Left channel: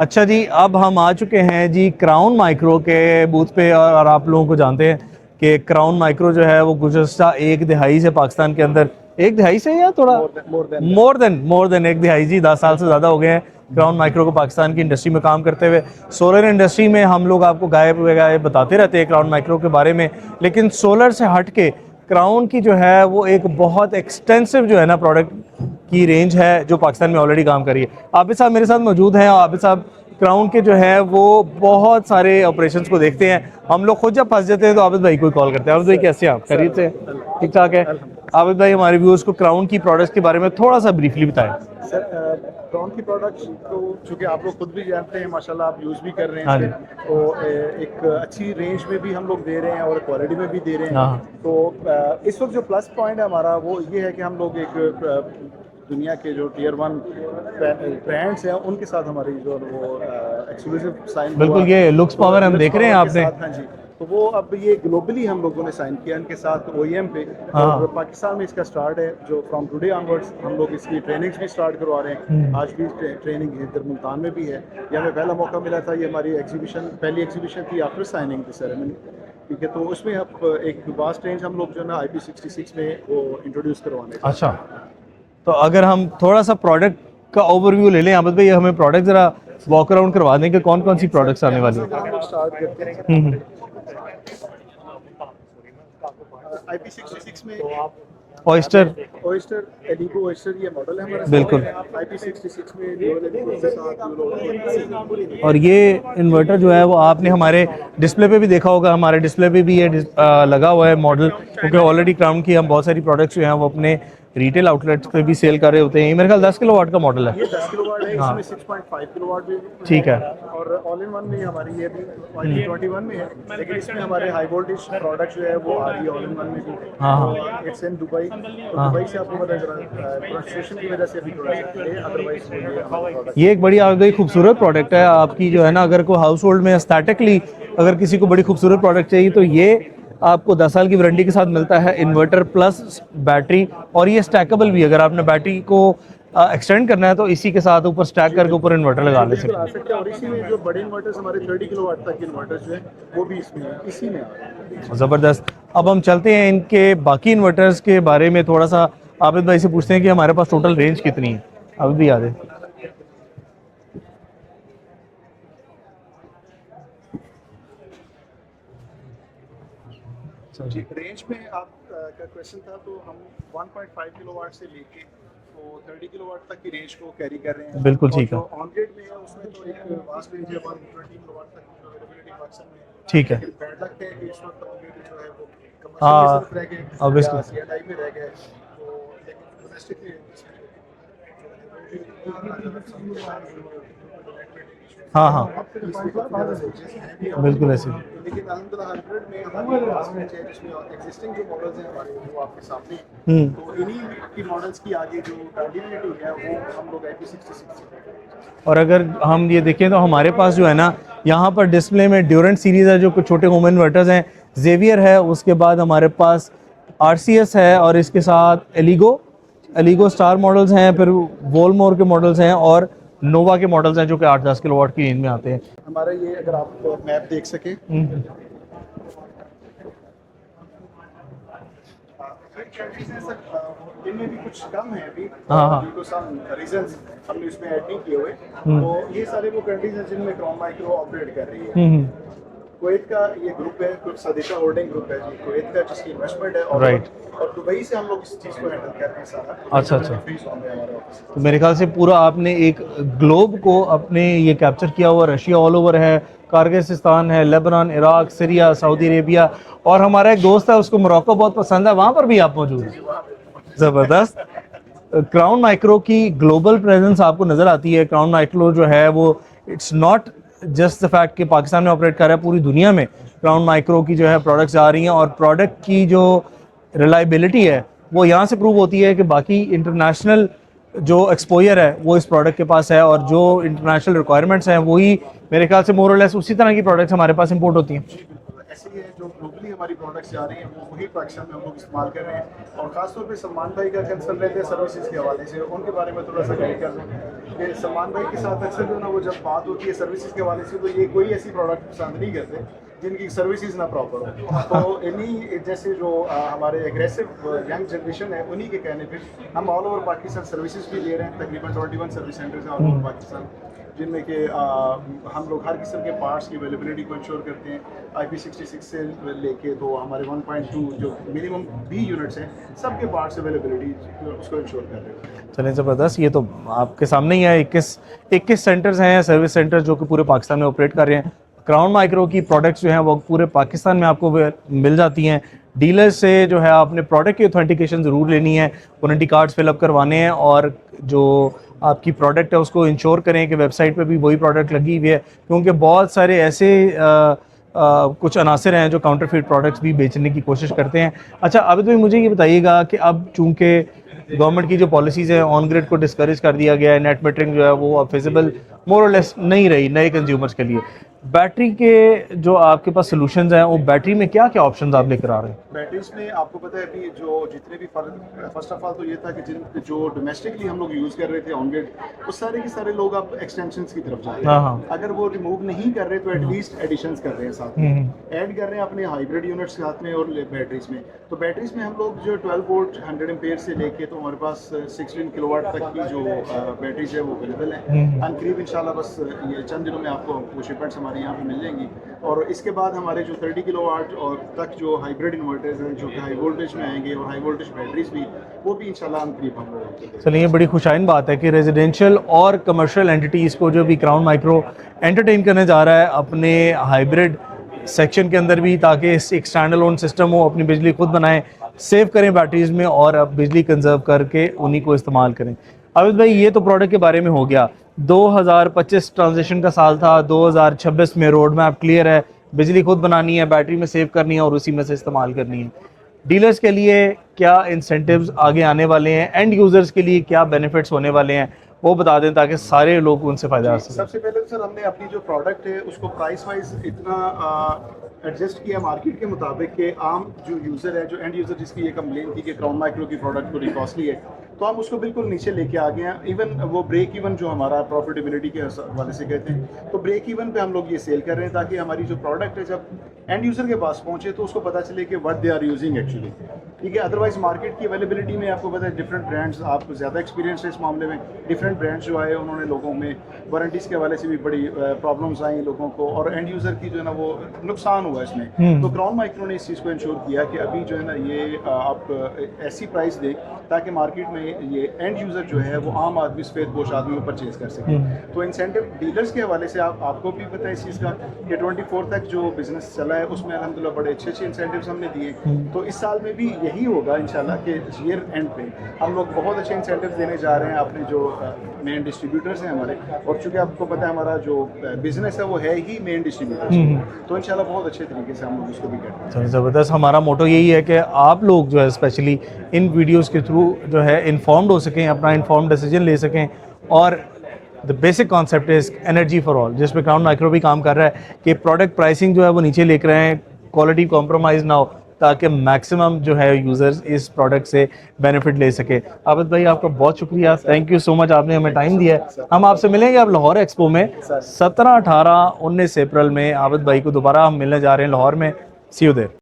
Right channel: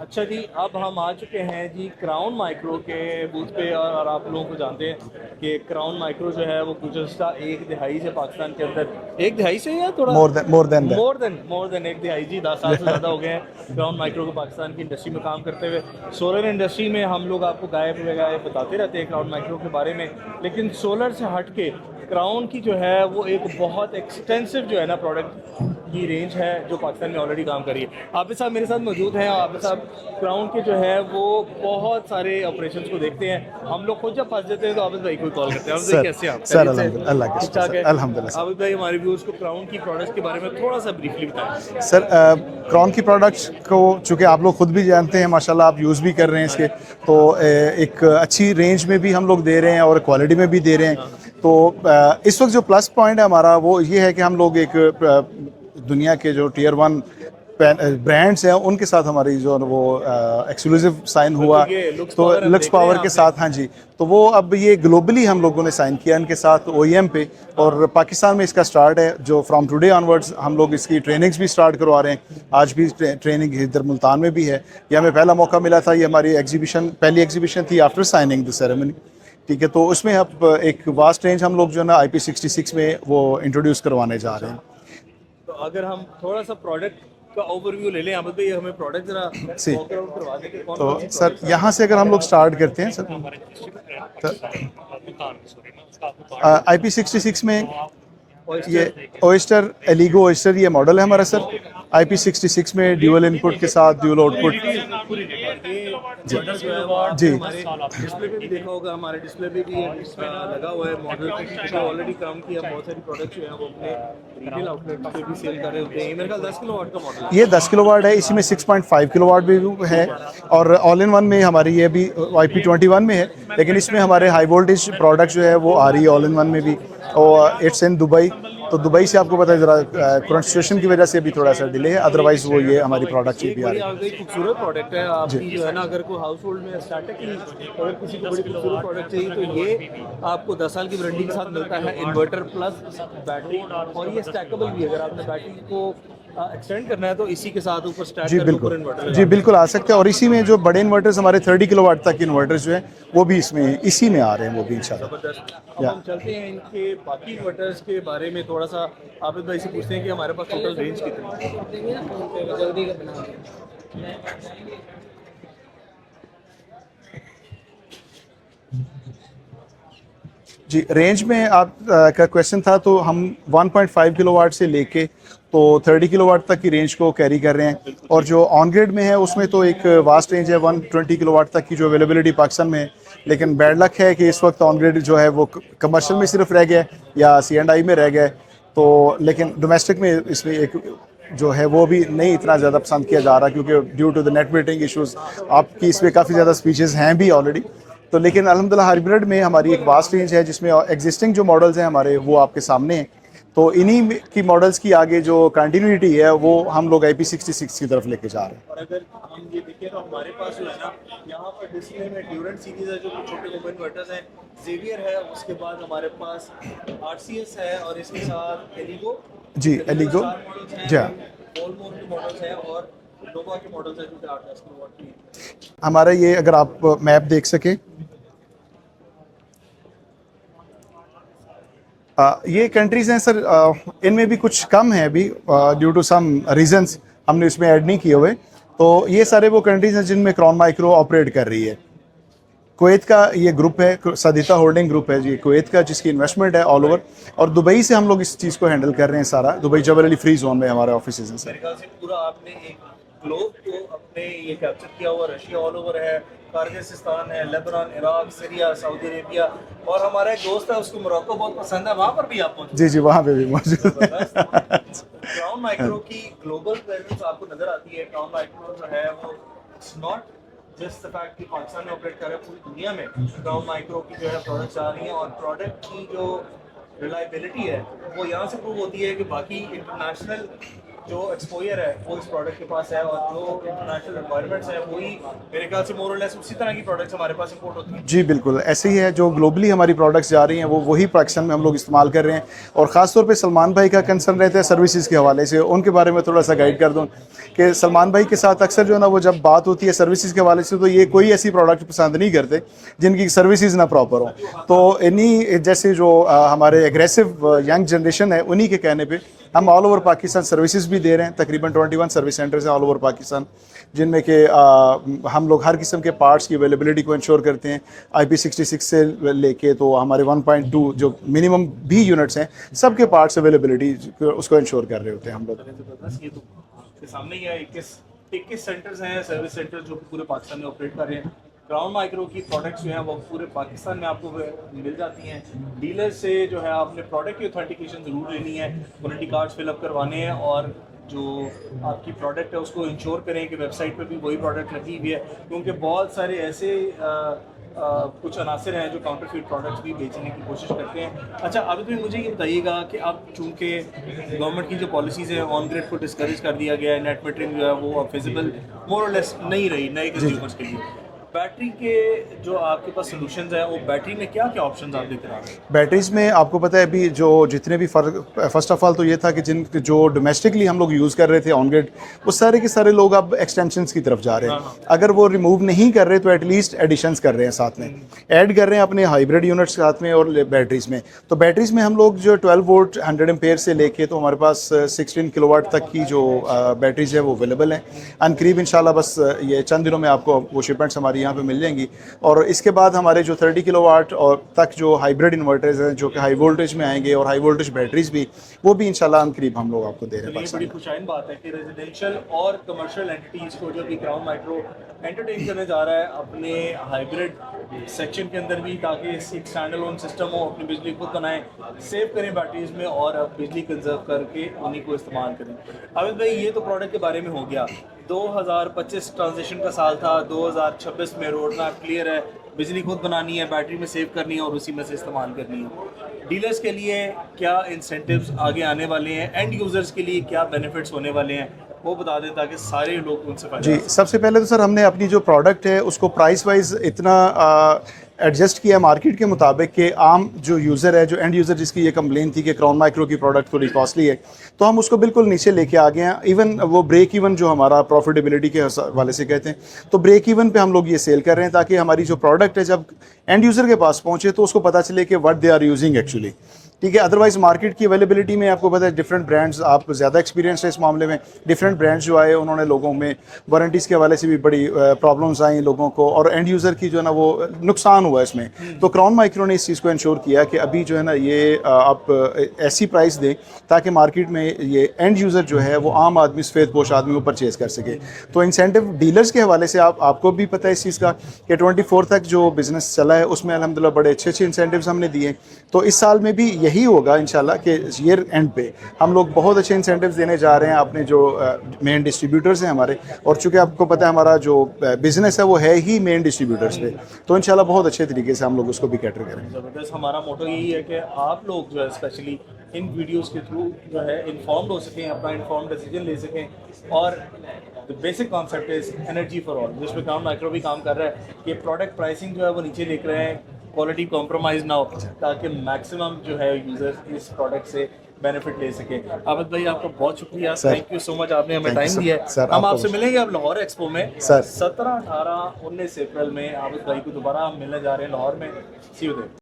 अच्छा जी, अब हम आ चुके हैं जी क्राउन माइक्रो के बूथ पे। और आप लोगों को जानते हैं कि क्राउन माइक्रो जो है वो गुज़श्ता एक दिहाई से पाकिस्तान के अंदर, एक दिहाई से या थोड़ा मोर देन मोर देन एक दिहाई जी, 10 साल से ज़्यादा हो गए हैं क्राउन माइक्रो को पाकिस्तान की इंडस्ट्री में काम करते हुए। सोलर इंडस्ट्री में हम लोग आपको गायब वगैरह बताते रहते हैं क्राउन माइक्रो के बारे में, लेकिन सोलर से हट के क्राउन की जो है वो एक बहुत एक्सटेंसिव जो है ना प्रोडक्ट की रेंज है जो पाकिस्तान में ऑलरेडी काम कर रही है। आबिद साहब मेरे साथ मौजूद हैं और आबिद साहब क्राउन के जो है वो बहुत सारे ऑपरेशंस को देखते हैं। हम लोग खुद जब फंस जाते हैं तो आबिद भाई को ही कॉल करते हैं। आबिद भाई कैसे हैं आप? खैरियत से? ठीक ठाक है अल्हम्दुलिल्लाह। आबिद भाई, हमारे व्यूअर्स को क्राउन की प्रोडक्ट्स के बारे में थोड़ा सा ब्रीफली बताएं। सर क्राउन की प्रोडक्ट्स को चूँकि आप लोग खुद भी जानते हैं माशाल्लाह, आप यूज़ भी कर रहे हैं इसके, तो एक अच्छी रेंज में भी हम लोग दे रहे हैं और क्वालिटी में भी दे रहे हैं। तो इस वक्त जो प्लस पॉइंट है हमारा वो ये है कि हम लोग एक दुनिया के जो टियर 1 ब्रांड्स हैं उनके साथ हमारी जो वो एक्सक्लूसिव साइन हुआ, ये लुक्स पावर हम देख रहे हैं के साथ। हाँ जी, तो वो अब ये ग्लोबली हम लोगों ने साइन किया इनके साथ OEM पे, और पाकिस्तान में इसका स्टार्ट है। जो फ्रॉम टुडे ऑनवर्ड्स हम लोग इसकी ट्रेनिंग्स भी स्टार्ट करवा रहे हैं। आज भी ट्रेनिंग इधर मुल्तान में भी है। ये हमें पहला मौका मिला था, ये हमारी पहली एग्जीबिशन थी आफ्टर साइनिंग द सेरेमनी। ठीक है, तो उसमें अब एक वास्ट रेंज हम लोग जो है ना IP66 में वो इंट्रोड्यूस करवाने जा रहे हैं। तो अगर हम थोड़ा सा प्रोडक्ट का ओवरव्यू ले लें आबिद भाई, हमें प्रोडक्ट जरा वॉक अराउंड करवा दें कि कौन कौन सी प्रोडक्ट्स आने यहाँ से अगर हम लोग स्टार्ट करते हैं सर, IP66 में ओएस्टर एलिगो ओएस्टर ये मॉडल है हमारा सर। बिल्कुल। IP66 में ड्यूअल इनपुट के साथ ड्यूअल आउटपुट। और ये इन्वर्टर जो है वो आपने हमारे डिस्प्ले पे भी देखा होगा, हमारे डिस्प्ले पे भी ये लगा हुआ है मॉडल, क्योंकि ऑलरेडी क्राउन की हम बहुत सारी प्रोडक्ट्स जो हैं वो अपने रिटेल आउटलेट्स पे भी सेल कर रहे होते हैं। ये मेरे ख्याल 10 किलोवाट का मॉडल है। ये 10 किलोवाट है, इसमें 6.5 किलोवाट भी है। और ऑल इन वन में हमारी ये भी IP21 में है, लेकिन इसमें हमारे हाई वोल्टेज प्रोडक्ट जो है वो आ रही है ऑल इन वन में भी। और इट्स इन दुबई, तो दुबई से आपको पता है जरा करंट सिचुएशन की वजह से भी थोड़ा सा डिले है, अदरवाइज वो ये हमारी प्रोडक्ट ये एक बड़ी खूबसूरत प्रोडक्ट है आपकी जो है ना। अगर कोई हाउस होल्ड में एस्थेटिकली अगर किसी को बड़ी खूबसूरत प्रोडक्ट चाहिए तो ये आपको 10 साल की वारंटी के साथ मिलता है, इन्वर्टर प्लस बैटरी। और ये स्टैकेबल भी, अगर आपने बैटरी को एक्सटेंड करना है तो इसी के साथ ऊपर स्टैक करके ऊपर इन्वर्टर लगा। जी बिल्कुल आ सकते हैं। और इसी में जो बड़े इन्वर्टर्स हमारे 30 किलोवाट तक के इन्वर्टर्स जो हैं वो भी इसी में आ रहे हैं, वो भी ज़बरदस्त। अब हम चलते हैं इनके बाकी इन्वर्टर्स के बारे में थोड़ा सा आबिद भाई से पूछते हैं कि हमारे पास टोटल रेंज कितनी है। अब भी आ जाए जी। रेंज में आप का क्वेश्चन था, तो हम 1.5 किलोवाट से लेके तो 30 किलोवाट तक की रेंज को कैरी कर रहे हैं। और जो ऑन ग्रिड में है उसमें तो एक वास्ट रेंज है 120 किलोवाट तक की जो अवेलेबिलिटी पाकिस्तान में है। लेकिन बैड लक है कि इस वक्त ऑन ग्रिड जो है वो कमर्शियल में सिर्फ रह गया है या C&I में रह गया है। तो लेकिन डोमेस्टिक में इसमें एक जो है वो भी नहीं इतना ज़्यादा पसंद किया जा रहा, क्योंकि due to the net metering issues आपकी इसमें काफ़ी ज़्यादा स्पीचेस हैं भी ऑलरेडी। तो लेकिन अल्हम्दुलिल्लाह हाइब्रिड में हमारी एक वास्ट रेंज है जिसमें एग्जिस्टिंग जो मॉडल्स हैं हमारे वो आपके सामने हैं। तो इन्हीं की मॉडल्स की आगे जो कंटिन्यूटी है वो हम लोग IP66 की तरफ लेके जा रहे हैं। और अगर हम ये देखें तो हमारे पास जो है ना यहाँ पर डिस्प्ले में ड्यूरेंट सीरीज़ है जो कुछ छोटे होम इन्वर्टर्स हैं, जेवियर है, उसके बाद हमारे पास RCS है, और इसके साथ एलिगो स्टार मॉडल्स हैं, फिर वोलमोर के मॉडल्स हैं और नोवा के मॉडल्स हैं जो कि 8-10 किलोवाट की रेंज में आते हैं। हमारा ये अगर आप मैप देख सके, ये कंट्रीज हैं सर, इनमें भी कुछ कम है अभी ड्यू टू सम रीजंस, हमने इसमें ऐड नहीं किए हुए। तो ये सारे वो कंट्रीज हैं जिनमें क्राउन माइक्रो ऑपरेट कर रही है। कुवैत का ये ग्रुप है, सदिता होल्डिंग ग्रुप है जी कुवैत का, जिसकी इन्वेस्टमेंट है ऑल ओवर। और दुबई से हम लोग इस चीज़ को हैंडल कर रहे हैं सारा। दुबई जबल अली फ्री जोन में हमारे ऑफिस है। मेरे ख्याल से पूरा आपने एक ग्लोब को अपने ये कैप्चर किया हुआ। रशिया ऑल ओवर है, कारगिस्तान है, Lebanon, Iraq, Syria, Saudi Arabia, और हमारा एक दोस्त है उसको मोरक्को बहुत पसंद है, वहाँ पर भी आप मौजूद। जी वहाँ पे भी मौजूद। ज़बरदस्त। क्राउन माइक्रो की ग्लोबल प्रेजेंस आपको नज़र आती है। क्राउन माइक्रो जो है वो it's not just the fact कि पाकिस्तान में ऑपरेट कर रहा है, पूरी दुनिया में क्राउन माइक्रो की जो है प्रोडक्ट्स आ रही हैं, और प्रोडक्ट की जो रिलायबिलिटी है वो यहाँ से प्रूव होती है कि बाकी इंटरनेशनल जो एक्सपोजर है वो इस प्रोडक्ट के पास है, और जो इंटरनेशनल रिक्वायरमेंट्स हैं वही मेरे ख्याल से मोर और लेस उसी तरह की प्रोडक्ट्स हमारे पास इंपोर्ट होती हैं। जी बिल्कुल ऐसे ही है, जो ग्लोबली हमारी प्रोडक्ट्स जा रही हैं वो वही पाकिस्तान में हम लोग इस्तेमाल कर रहे हैं। और ख़ास तौर पे सलमान भाई का कंसर्न रहता है सर्विसेज के हवाले से, उनके बारे में थोड़ा सा गाइड कर दूं कि सलमान भाई के साथ अक्सर जो है ना वो जब बात होती है सर्विसेज के हवाले से तो ये कोई ऐसी प्रोडक्ट पसंद नहीं करते जिनकी सर्विसेज ना प्रॉपर हो। तो इन्हीं जैसे जो हमारे एग्रेसिव यंग जनरेशन है उन्हीं के कहने पर हम ऑल ओवर पाकिस्तान सर्विसेज भी दे रहे हैं। तकरीबन 21 सर्विस सेंटर्स हैं ऑल ओवर पाकिस्तान, जिनमें कि हम लोग हर किस्म के पार्ट्स की अवेलेबिलिटी को इंश्योर करते हैं। IP66 से लेके तो हमारे 1.2 जो मिनिमम भी यूनिट्स हैं सबके पार्ट्स अवेलेबिलिटी उसको इंश्योर कर रहे होते हैं हम लोग। चलें ज़बरदस्त, ये तो आपके सामने ही है। 21 सेंटर्स हैं, सर्विस सेंटर जो कि पूरे पाकिस्तान में ऑपरेट कर रहे हैं। क्राउन माइक्रो की प्रोडक्ट्स जो हैं वो पूरे पाकिस्तान में आपको मिल जाती हैं। डीलर से जो है आपने प्रोडक्ट की ऑथेंटिकेशन ज़रूर लेनी है, वारंटी कार्ड्स फिलअप करवाने हैं, और जो आपकी प्रोडक्ट है उसको इंश्योर करें कि वेबसाइट पे भी वही प्रोडक्ट लगी हुई है, क्योंकि बहुत सारे ऐसे कुछ अनासर हैं जो काउंटरफीट प्रोडक्ट्स भी बेचने की कोशिश करते हैं। अच्छा आबिद भाई, मुझे ये बताइएगा कि अब चूँकि गवर्नमेंट की जो पॉलिसीज़ हैं ऑन ग्रिड को डिस्करेज कर दिया गया है, नेट मीटरिंग जो है वो अब फिजिबल मोर और लेस नहीं रही नए कंज्यूमर्स के लिए। बैटरी के जो आपके पास सोल्यूशंस हैं वो बैटरी में क्या क्या ऑप्शंस आप लेकर आ रहे हैं? बैटरीज में आपको पता है अभी जो जितने भी फर्स्ट ऑफ ऑल तो ये था कि जिन जो डोमेस्टिकली हम लोग यूज़ कर रहे थे ऑन ग्रिड, वो सारे के सारे लोग अब एक्सटेंशंस की तरफ जा रहे हैं। हाँ। अगर वो रिमूव नहीं कर रहे तो एटलीस्ट एडिशंस कर रहे हैं, साथ में ऐड कर रहे हैं अपने हाइब्रिड यूनिट्स साथ में और बैटरीज में। तो बैटरीज में हम लोग जो 12 वोल्ट 100 एम्पेयर से लेके तो हमारे पास 16 किलोवाट तक की जो बैटरीज है वो अवेलेबल है। अनकरीब इंशाल्लाह बस ये चंद दिनों में आपको वो शिपमेंट्स हमारी यहाँ पे मिल जाएंगी। और इसके बाद हमारे जो 30 किलोवाट और तक जो हाइब्रिड इन्वर्टर्स हैं जो कि हाई वोल्टेज में आएंगे और हाई वोल्टेज बैटरीज भी, वो भी इंशाल्लाह हम करीब हम लोग आपको दे रहे हैं। चलिए, ये बड़ी खुशाइन बात है कि रेजिडेंशियल और कमर्शियल एंटिटीज़ को जो भी क्राउन माइक्रो एंटरटेन करने जा रहा है अपने हाइब्रिड सेक्शन के अंदर भी, ताकि एक स्टैंड अलोन सिस्टम हो, अपनी बिजली खुद बनाएं, सेव करें बैटरीज में और अब बिजली कंजर्व करके उन्हीं को इस्तेमाल करें। अविद भाई, ये तो प्रोडक्ट के बारे में हो गया। 2025 ट्रांजिशन का साल था, 2026 में रोड मैप क्लियर है, बिजली खुद बनानी है, बैटरी में सेव करनी है और उसी में से इस्तेमाल करनी है। डीलर्स के लिए क्या इंसेंटिव्स आगे आने वाले हैं, एंड यूज़र्स के लिए क्या बेनिफिट्स होने वाले हैं, वो बता दें ताकि सारे लोग उनसे फ़ायदा। सबसे पहले तो सर हमने अपनी जो प्रोडक्ट है उसको प्राइस वाइज इतना एडजस्ट किया मार्केट के मुताबिक कि आम जो यूज़र है, जो एंड यूज़र जिसकी ये कंप्लेन थी कि क्राउन माइक्रो की प्रोडक्ट थोड़ी कॉस्टली है, तो हम उसको बिल्कुल नीचे लेके आ गए हैं। इवन वो ब्रेक इवन जो हमारा प्रॉफिटेबिलिटी के हवाले से कहते हैं, तो ब्रेक इवन पे हम लोग ये सेल कर रहे हैं ताकि हमारी जो प्रोडक्ट है जब एंड यूज़र के पास पहुँचे तो उसको पता चले कि what they are using actually. ठीक है, अदरवाइज मार्केट की अवेलेबिलिटी में आपको पता है डिफरेंट ब्रांड्स, आप ज़्यादा एक्सपीरियंस है इस मामले में, डिफरेंट ब्रांड्स जो आए उन्होंने लोगों में वारंटीज़ के हवाले से भी बड़ी प्रॉब्लम्स आई लोगों को, और एंड यूज़र की जो है ना वो नुकसान हुआ इसमें। तो क्राउन माइक्रो ने इस चीज़ को इंश्योर किया कि अभी जो है ना ये आप ऐसी प्राइस दें ताकि मार्केट में ये एंड यूज़र जो है वो आम आदमी, सफ़ेदपोश आदमी वो परचेज़ कर सके। तो इंसेंटिव डीलर्स के हवाले से आपको भी पता है इस चीज़ का कि 24 तक जो बिज़नेस चला है उसमें अल्हम्दुलिल्लाह बड़े अच्छे अच्छे इंसेंटिव्स हमने दिए। तो इस साल में भी यही होगा इंशाल्लाह कि ईयर एंड पे हम लोग बहुत अच्छे इंसेंटिव्स देने जा रहे हैं अपने जो मेन डिस्ट्रीब्यूटर्स हैं हमारे, और चूँकि आपको पता है हमारा जो बिज़नेस है वो है ही मेन डिस्ट्रीब्यूटर्स पे, तो इंशाल्लाह बहुत अच्छे तरीके से हम लोग उसको भी कैटर करें। ज़बरदस्त। हमारा मोटो यही है कि आप लोग जो है स्पेशली इन वीडियोस के थ्रू जो है इन्फॉर्म्ड हो सकें, अपना इन्फॉर्म्ड डिसीजन ले सकें, और the basic concept is energy for all, जिसमें क्राउन माइक्रो भी काम कर रहा है कि प्रोडक्ट प्राइसिंग जो है वो नीचे लेकर आए, क्वालिटी कॉम्प्रोमाइज़ ना हो, ताकि मैक्सिमम जो है यूज़र्स इस प्रोडक्ट से बेनिफिट ले सके। आबिद भाई, आपका बहुत शुक्रिया, थैंक यू सो मच, आपने हमें टाइम दिया है। हम आपसे मिलेंगे अब लाहौर एक्सपो में 17, 18, 19 अप्रैल में। आबिद भाई को दोबारा हम मिलने जा रहे हैं लाहौर में। सी यू देयर।